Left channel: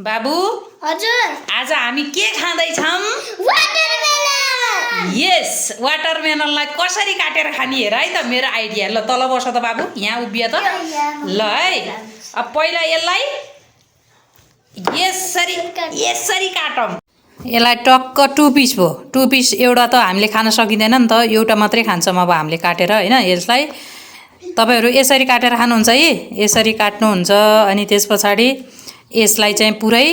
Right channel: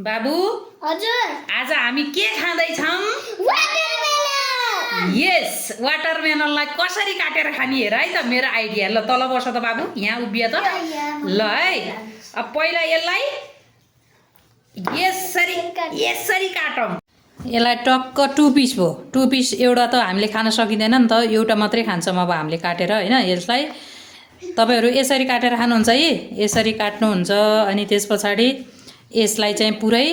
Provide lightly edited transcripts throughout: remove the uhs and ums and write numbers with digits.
बाबु हजुर आज हामी के खाँदैछौँ? वाटरमेलन। यस, वाटरमेलनलाई कसरी काटेर खाने हेर है त मेरो आइडिया। ल तल बस त बाबु, यहाँ उभिए त। ल है, अब पहिला यसलाई यसरी काटौँ। यसलाई टक्क 2 पिस भयो। 2 पिस एउटा त हामीले खान सकिँदैन नि त, एउटा मात्रै खान्छौँ अब हामीले काटेर हैन। यसलाई तपाईहरु यसरी काटेर खानुहुन्छ है, यसरी काट्नुहुन्छ। अनि त्यसपछि यसलाई चाहिँ पुरै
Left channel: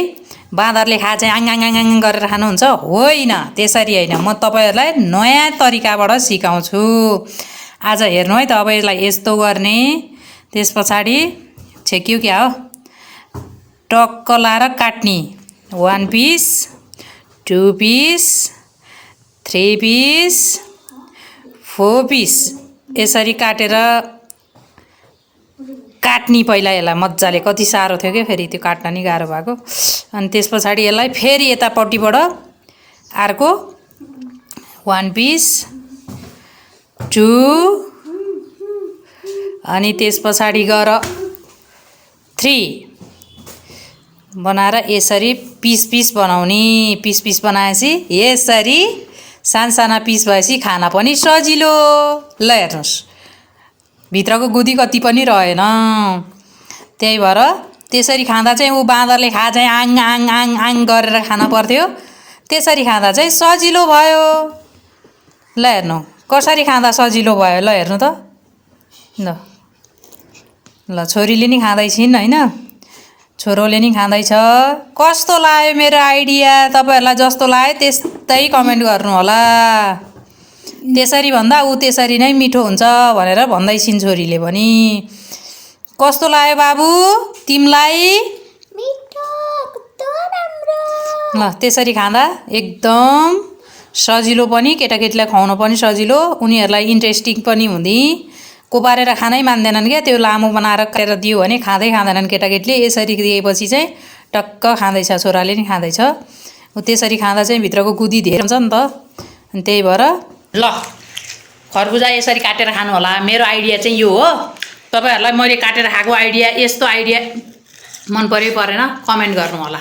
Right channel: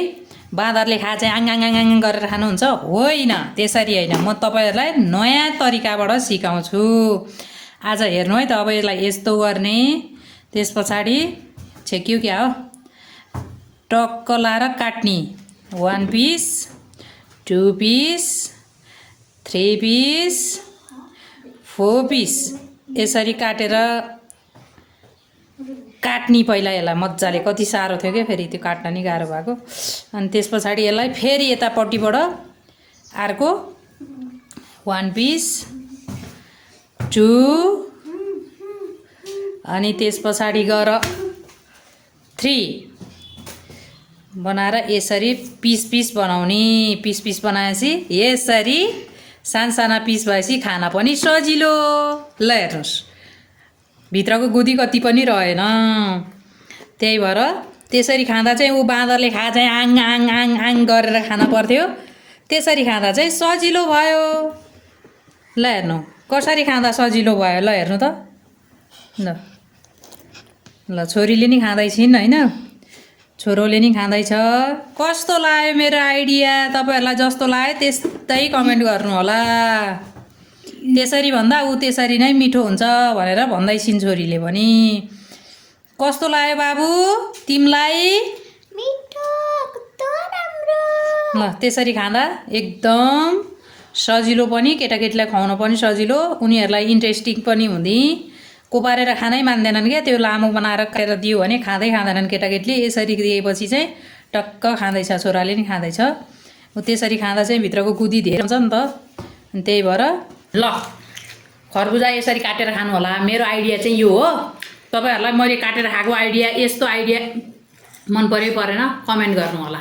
बाँदरले खा चाहिँ आङ आङ आङ आङ गरेर खानुहुन्छ होइन, त्यसरी हैन। म तपाईहरुलाई नयाँ तरिकाबाट सिकाउँछु आज। हेर्नु है त, अब यसलाई यस्तो गर्ने, त्यसपछि छेक्यो क्या हो, टक्क लाएर काट्ने। 1 पिस, 2 पिस, 3 पिस, 4 पिस यसरी काटेर काट्नी। पहिला यसलाई मजाले, कति साह्रो थियो के फेरि त्यो काट्न नि गाह्रो भएको। अनि त्यसपछि यसलाई फेरि यतापट्टिबाट अर्को 1 पिस, 2, अनि त्यसपछि गएर 3 बनाएर यसरी पिस पिस बनाउने। पिस पिस बनाएपछि यसरी साना पिस भएपछि खान पनि सजिलो। ल हेर्नुहोस्, भित्रको गुदी कति पनि रहेन। त्यही भएर त्यसरी खाँदा चाहिँ ऊ बाँदरले खा चाहिँ आङ आङ आङ आङ गरेर खान पर्थ्यो, त्यसरी खाँदा चाहिँ सजिलो भयो। ल हेर्नु कसरी खाँदा सजिलो भयो। ल हेर्नु त, ल छोरीले नि खाँदैछिन् हैन, छोरोले नि खाँदैछ। कस्तो लाग्यो मेरो आइडिया? तपाईहरुलाई जस्तो लाग्यो त्यस्तै कमेन्ट गर्नु होला। त्यसरी भन्दा ऊ त्यसरी नै मिठो हुन्छ भनेर भन्दैछिन् छोरीले पनि। कस्तो लाग्यो बाबु तिमलाई? मिठो, कस्तो राम्रो। ल त्यसरी खाँदा एकदम सजिलो पनि, केटाकेटीलाई खुवाउन पनि सजिलो, उनीहरुलाई इन्ट्रेस्टिङ पनि हुँदी। कोपारेर खानै मान्दैनन् क्या, त्यो लामो बनाएर काटेर दियो भने खाँदै खाँदैनन् केटाकेटीले। यसरी दिएपछि चाहिँ टक्क खाँदैछ, छोराले नि खाँदैछ। त्यसरी खाँदा चाहिँ भित्रको गुदी धेरै हुन्छ नि त, अनि त्यही भएर ल खरबुजा यसरी काटेर खानु होला। मेरो आइडिया चाहिँ यो हो। तपाईहरुलाई मैले काटेर खाएको आइडिया, यस्तो आइडिया मन पर्यो परेन कमेन्ट गर्नु होला।